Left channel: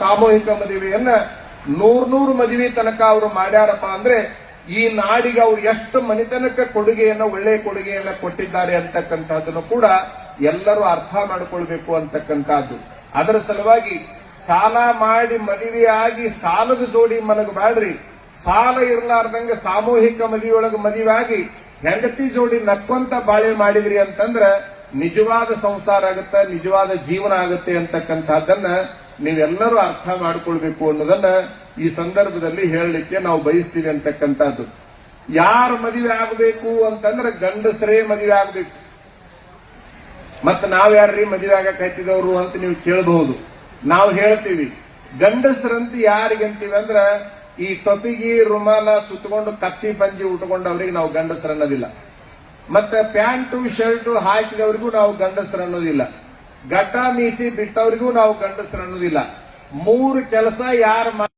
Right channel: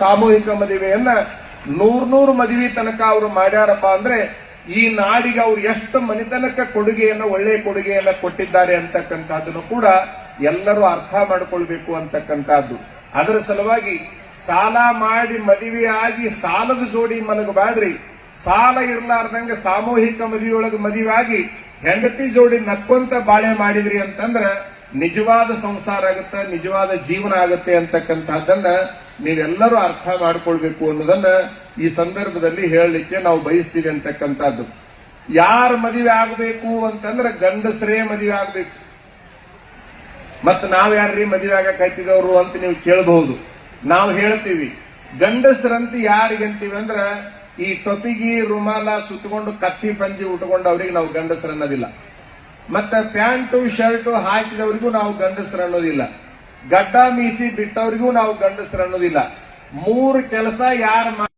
ಸಾಮೂಹಿಕ ಮದುವೆಯನ್ನ ನೂರ್ ಮದುವೆ ತನಕ ಅವರು ಮಾಡ್ಯಾರಪ್ಪ ಅಂದ್ರೆ ಈ ನಾಡಿಗೆ ಅವರು ಎಷ್ಟು ಮನೆತನಕ ಕೊಡುಗೆಯನ್ನು ಒಳ್ಳೆಯ ಕೊಡುಗೆಯನ್ನ ಕೊಟ್ಟಿದ್ದಾರೆ ಅಂತಕ್ಕಂಥದ್ದನ್ನು ಕೂಡ ಎಲ್ಲರೂ ಅರ್ಥ ಮಾಡಿಕೊಳ್ಬೇಕು ಅಂತಕ್ಕಂಥದ್ದು. ಅದರ ಸಲುವಾಗಿ ಸಾಲ ಮಾಡಿ ಮದುವೆಯಾಗಿ ಸಾಲದ ಜೋಡಿ ಮಲಗಬಾಡ್ರಿ, ಸಾಲ ಇರಲಾರ್ದಂಗೆ ಸಾಮೂಹಿಕ ಮದುವೆಯೊಳಗೆ ಮದುವೆ ಆಗಿ ಹೆಂಡತಿ ಜೋಡಿ ನಕ್ಕೊಂತ ಬಾಳೆ ಮಾಡಿದ್ರಿ ಅಂತಂದ್ರೆ ನಿಜವಾದ ಸಂಸಾರ ಆಗುತ್ತೆ, ನಿಜವಾದ ಜೀವನ ಆಗುತ್ತೆ ಅಂತಕ್ಕಂಥದ್ದನ್ನ ನೀವೆಲ್ಲರೂ ಅರ್ಥ ಮಾಡಿಕೊಳ್ಬೇಕು ಅನ್ನೋದನ್ನ ಈ ಸಂದರ್ಭದಲ್ಲಿ ಹೇಳಲಿಕ್ಕೆ ನಾವು ಬಯಸ್ತೀವಿ ಅಂತಕ್ಕಂಥದ್ದು. ಯಾರ ಮದುವೆ ಆಗಬೇಕು ಅಂತಂದ್ರೆ ಗಂಡಸರೇ ಮದುವೆ ಆಗಬೇಕು. ಮತ್ತೆ ನಾವ್ಯಾರ್ರಿ ಮದುವೆ ಆಗಕ್ಕೆ ಹತ್ತಿದವರು ಅಂತ ನೀವು ಕೇಳಬಹುದು. ನಾವು ಹೇಳ್ತೀವಿ ಗಂಡಸರಂತ ಯಾರಿಗಂತೀವಿ ಅಂದ್ರೆ ಈ ಟೊಪಿಗಿ ರುಮಾಲ ಸುತ್ತಕೊಂಡು ಕಚ್ಚಿ ಪಂಜಿ ಉಟ್ಕೊಂಡವ್ರಿಗೆ ನಾವು ಗಂಡಸರು ಅನ್ನೋದಿಲ್ಲ. ಮತ್ತೆ ಪ್ಯಾಂಟು ಶರ್ಟ್ ಹಾಕಿದವರಿಗೂ ನಾವು ಗಂಡಸರು ಅನ್ನೋದಿಲ್ಲ. ಗಡ್ಡ ಮೀಸಿ ಬಿಟ್ಟವರಿಗೂ ನಾವು ಗಂಡಸರು ಅನ್ನೋದಿಲ್ಲ. ಮೂರು ಕೆಲಸ ಯಾರು